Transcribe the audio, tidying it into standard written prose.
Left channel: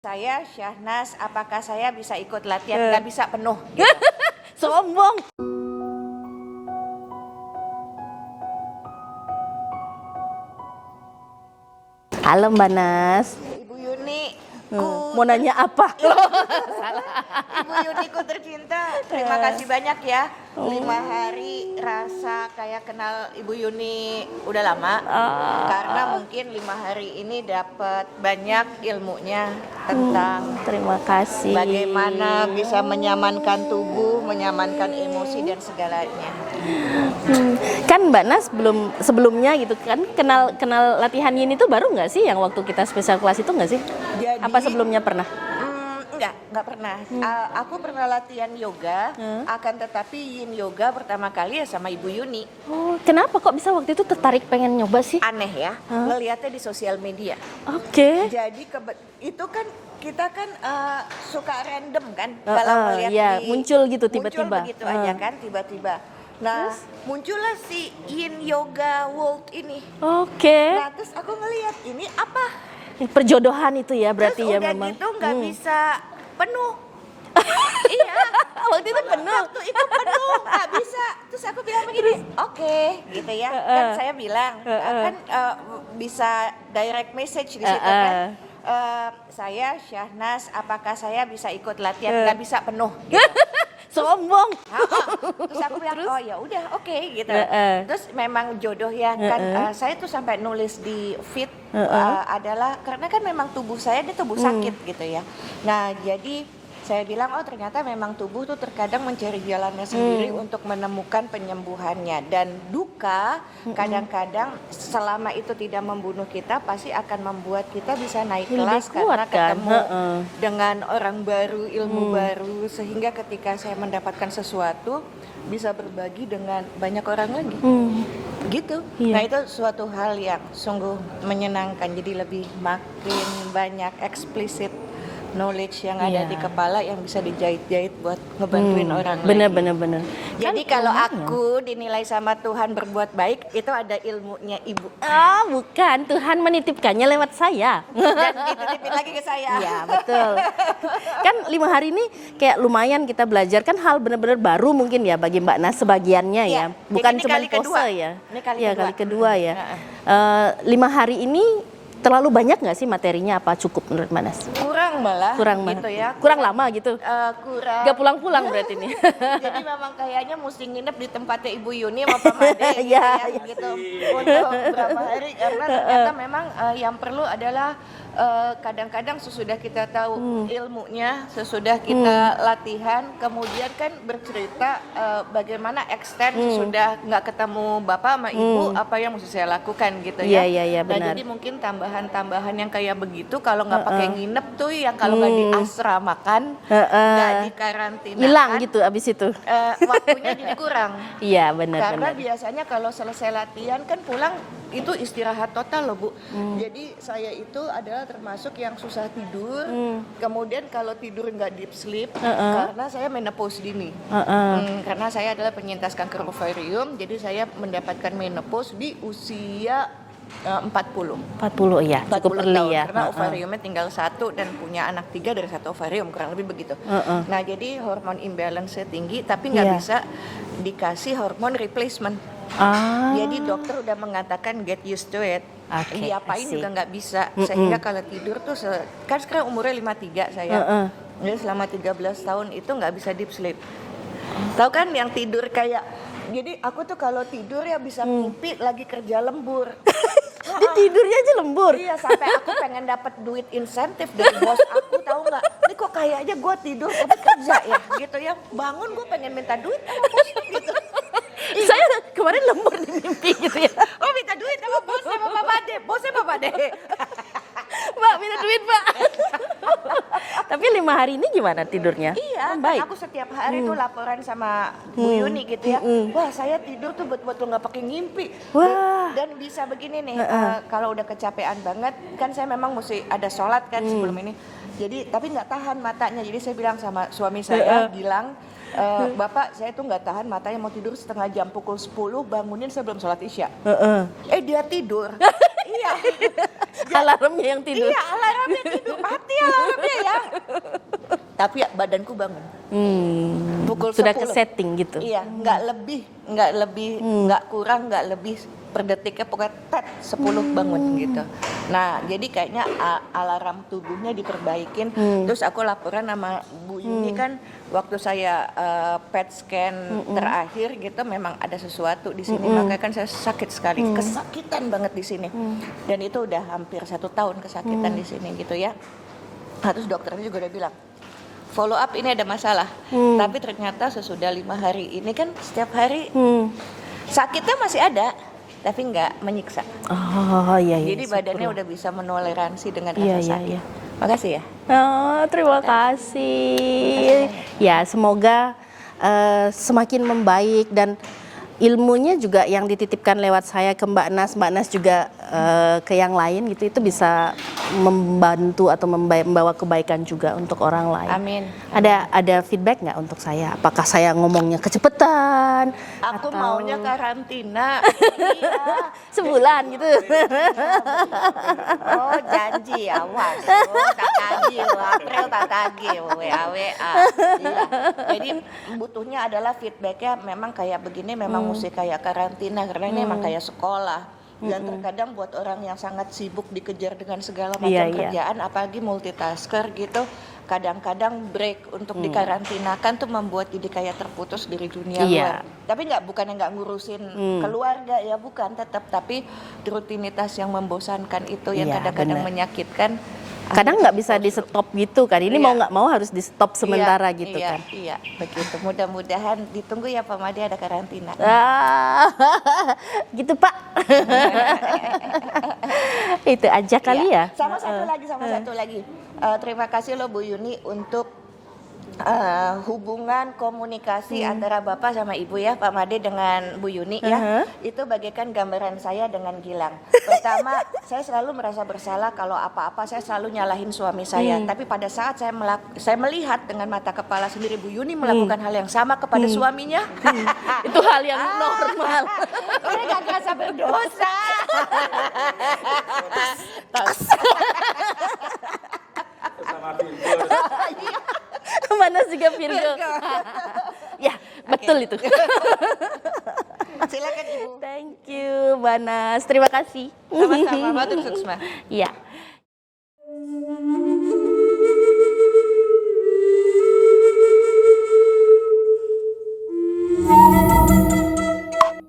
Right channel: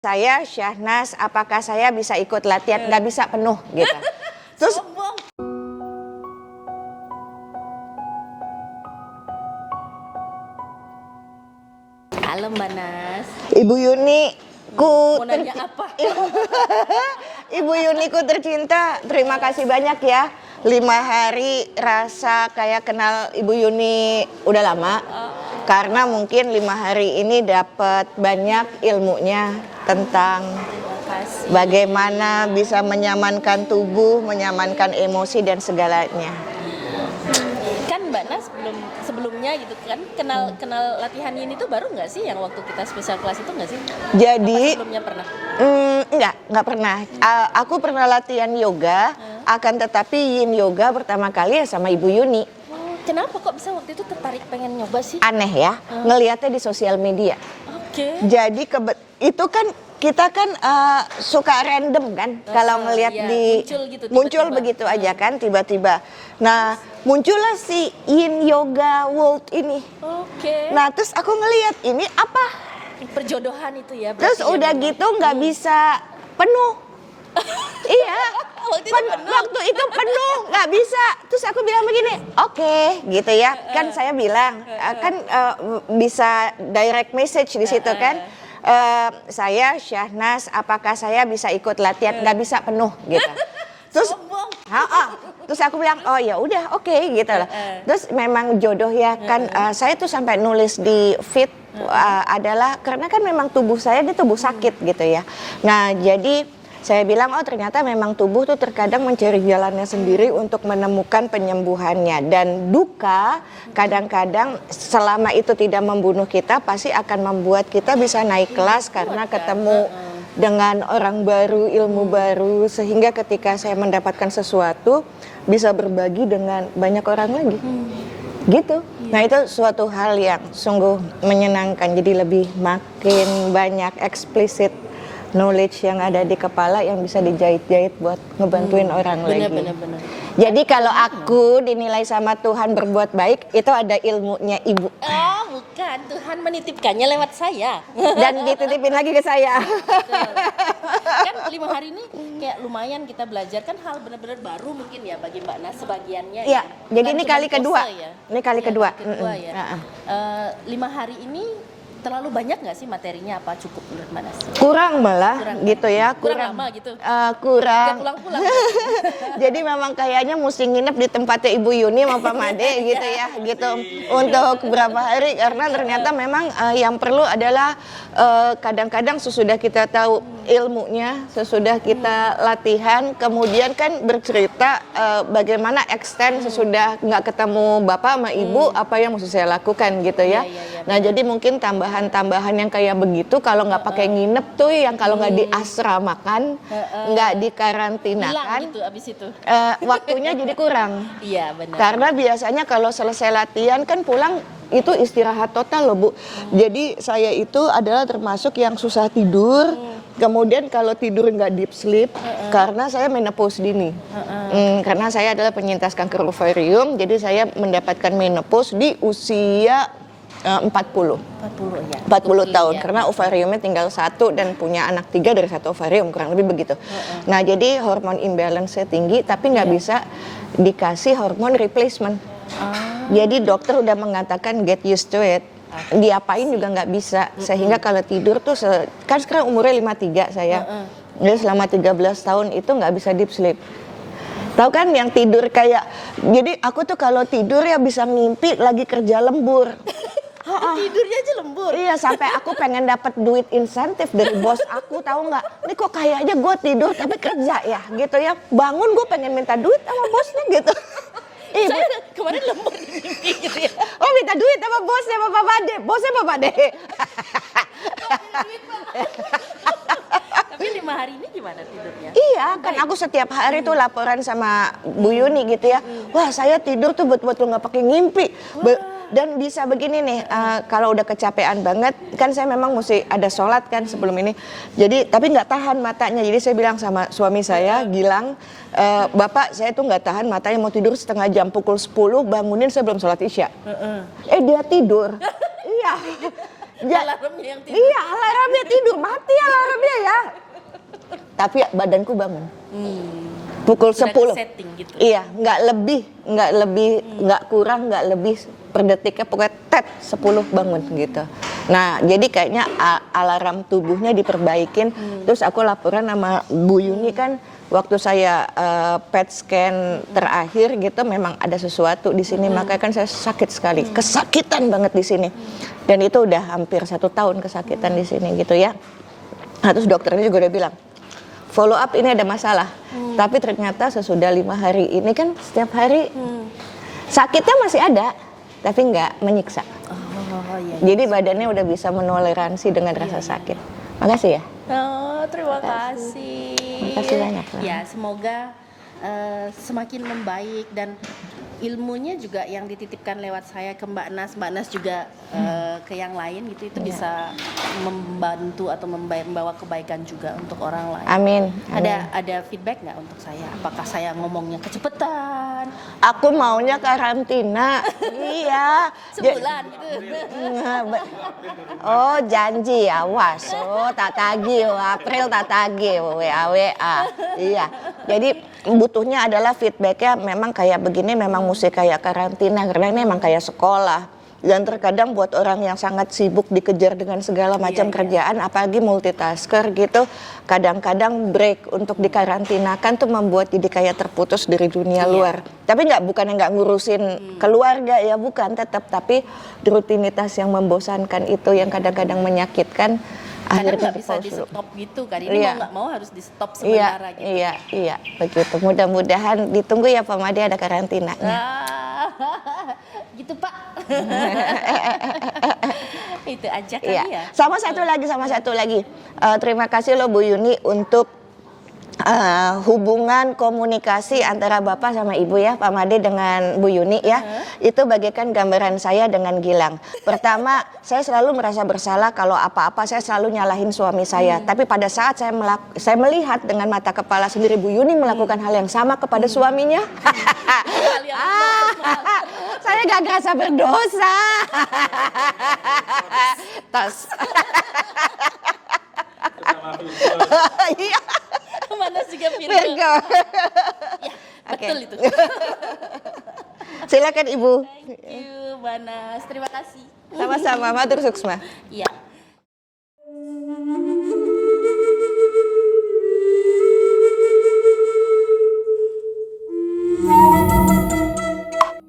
Saya Syahnas, apakah saya bisa ikut latihan? Nggak bisa penuh gitu. Terus Sombong. Halo Mbak Nas. Ibu Yuni, Mau nanya apa? Ibu Yuniku tercinta, terima kasih banyak ya. 5 hari rasa kayak kenal Ibu Yuni udah lama. Karena mungkin 5 hari ini dapat banyak ilmunya tentang Terima kasih. bagaimana bisa menyamankan tubuh, menyamankan emosi dan segalanya. Kan Mbak Nas sebelumnya gitu kan kenal latihan Yin itu baru nggak sih yang waktu kita spesial kelas itu nggak sih? Jadi Apa sebelumnya pernah? Enggak pernah. Aku pernah latihan yoga, akan tetapi Yin yoga pertama kali ya sama Ibu Yuni. Oh, kenapa kok bisa waktu itu tertarik pengen nyoba sih? Aneh ya, ngelihatnya di sosial media. Oke. Jadi itu kan kita kan suka random kan kalau melihat iya, muncul gitu muncul tiba-tiba. begitu aja kan tiba-tiba. Nah, muncullah si Yin Yoga World ini. Oke. Nah, terus aku ngelihat ini apa? Perjodohan itu ya berarti. Terus ya udah memang. gitu nggak bisa penuh. Iya, Waktu itu penuh. waktu itu penuh nggak bisa. Terus aku bilang begini, oke, gitu ya. Kan saya bilang, kan bisa direct message di situ kan. Saya Syahnas, apakah saya bisa ikut latihan? Nggak bisa penuh, gitu. Terus, Sombong. terus aku bilang, oh ya udah, oke, gitu. Terus memang jodoh ya kan. Saya tuh sampai nulis di feed adalah karena kan memang tubuh saya dia tubuh sakit gitu ya. Nah jadi saya bilang, oh ternyata memang tubuh tuh terkadang mencari jalannya sendiri untuk menemukan penyembuhannya. Dan duka kadang-kadang selama itu tidak membunuh kita pasti akan membuat kita bisa naik kelas karena ketemu dengan orang baru, ilmu baru. Sehingga ketika saya mendapatkan sesuatu bisa berbagi dengan banyak orang lagi. Gitu. Nah itu suatu hal yang sungguh menyenangkan. Jadi lebih makin banyak eksplisit knowledge yang ada di kepala yang bisa dijahit-jahit buat ngebantuin orang lagi. Bener. Jadi kalau aku dinilai sama Tuhan berbuat baik, itu ada ilmunya Ibu. Oh bukan, Tuhan menitipkannya lewat saya. Dan dititipin lagi ke saya. Ya betul. Kan 5 hari ini kayak lumayan kita belajar kan hal benar-benar baru mungkin ya bagi Mbak Nas sebagiannya ya. Jadi ini cuman kali kedua. pose ya. Ini kali Iya, kedua. kali kedua ya. 5 hari ini terlalu banyak nggak sih materinya apa cukup menurut Mbak Nas? Kurang malah Kurang gitu banget. ya. Kurang lama gitu. Kurang. Gak pulang-pulang berarti. Jadi memang kayaknya mesti nginep di tempatnya Ibu Yuni sama Pak Made gitu ya, gitu untuk beberapa hari karena ternyata memang yang perlu adalah kadang-kadang sesudah kita tahu ilmunya, sesudah kita latihan, kemudian kan bercerita bagaimana extend sesudah nggak ketemu Bapak sama Ibu apa yang mesti saya lakukan gitu ya. Iya, Nah benar. jadi mungkin tambahan-tambahan yang kayak begitu kalau nggak pakai nginep tuh yang kalau nggak diasramakan, nggak dikarantina. Hilang gitu abis itu. Waktunya jadi kurang. Iya benar. Karena biasanya kalau selesai latihan kan pulang itu istirahat total loh Bu. Jadi saya itu adalah termasuk yang susah tidur. Kemudian kalau tidur nggak deep sleep karena saya menopause dini. Karena saya adalah penyintas kanker ovarium. Jadi saya mendapatkan menopause di usia 40 ya. 40 tahun karena ovariumnya tinggal 1 dan punya anak 3 dari 1 ovarium kurang lebih begitu. Nah jadi hormon imbalance saya tinggi tapi nggak bisa dikasih hormon replacement. Jadi dokter udah mengatakan get used to it. Diapain juga nggak bisa sehingga kalau tidur tuh kan sekarang umurnya 53 saya. Jadi selama 13 tahun itu nggak bisa deep sleep. Tahu kan yang tidur kayak jadi aku tuh kalau tidur ya bisa ngimpi lagi kerja lembur. Tidurnya aja lembur. Iya sampai aku pengen dapat duit insentif dari bos aku tahu nggak? Ini kok kayaknya gue tidur tapi kerja ya gitu ya. Bangun gue pengen minta duit sama bos tuh gitu. Saya kemarin lembur di mimpi gitu ya. Oh minta duit sama bosnya sama Bapak Ade. Bosnya Bapak Ade. Mbak minta duit Mbak. Tapi 5 hari ini gimana tidurnya? Iya, kan aku setiap hari tuh laporan sama Bu Yuni gitu ya. Wah, saya tidur tuh betul-betul nggak pakai ngimpi. Dan bisa begini nih, kalau udah kecapean banget, kan saya memang mesti ada sholat kan sebelum ini. Jadi, tapi nggak tahan matanya. Jadi saya bilang sama suami saya, Gilang, Bapak saya tuh nggak tahan matanya mau tidur setengah jam pukul 10, bangunin saya belum sholat isya. Dia tidur. Iya. Alarmnya yang tidur. Iya, alarmnya tidur, mati alarmnya ya. Tapi badanku bangun. Pukul Sudah 10. setting gitu. Iya, nggak lebih, nggak kurang, nggak lebih per detiknya, pokoknya 10 bangun gitu. Nah, jadi kayaknya alarm tubuhnya diperbaikin. Terus aku laporan sama Bu Yuni kan, waktu saya PET scan terakhir gitu, memang ada sesuatu di sini. Makanya kan saya sakit sekali, kesakitan banget di sini. Dan itu udah hampir 1 tahun kesakitan di sini gitu ya. Nah, terus dokternya juga udah bilang, follow up ini ada masalah. Tapi ternyata sesudah 5 hari ini kan setiap hari sakitnya masih ada, tapi nggak menyiksa. Oh iya. Jadi badannya udah bisa menoleransi dengan rasa sakit. Makasih ya. Oh, terima kasih. Terima kasih banyak, Ya, semoga semakin membaik dan ilmunya juga yang dititipkan lewat saya ke Mbak Nas juga ke yang lain gitu, itu bisa membantu atau membawa kebaikan juga untuk orang lain. Amin. Ada feedback nggak untuk saya? Apakah saya ngomongnya kecepetan? Aku maunya karantina. Iya. Sebulan gitu. Oh, janji, awas. Oh, tak tagih, April tak tagih, WA. Iya. Jadi butuhnya adalah feedbacknya memang kayak begini, memang mesti kayak karantina karena ini memang kayak sekolah. Dan terkadang buat orang yang sangat sibuk dikejar dengan segala macam kerjaan, apalagi multitasker gitu, kadang-kadang break untuk dikarantinakan tuh membuat jadi kayak terputus dari dunia luar. Tapi bukan nggak ngurusin keluarga ya, bukan, tetap, tapi rutinitas yang membosankan itu yang kadang-kadang menyakitkan. Kadang nggak bisa di stop gitu kan, ini mau nggak mau harus di stop sementara gitu kan. Iya, begitu. Mudah-mudahan ditunggu ya Pak Made ada karantina. Gitu Pak. Itu aja kali ya. Sama satu lagi. Terima kasih loh Bu Yuni untuk hubungan komunikasi antara Bapak sama Ibu ya, Pak Made dengan Bu Yuni ya. Itu bagaikan gambaran saya dengan Gilang. Pertama, saya selalu merasa bersalah kalau apa-apa saya selalu nyalahin suami saya. Tapi pada saat saya melihat dengan mata kepala sendiri Bu Yuni melakukan hal yang sama kepada suaminya. Itu hal yang normal. Saya gak ngerasa berdosa. Iya. Mana juga Virgo. Ya, betul itu. Silakan Ibu. Thank you, Banas. Terima kasih. Sama-sama, matur suksma. Iya.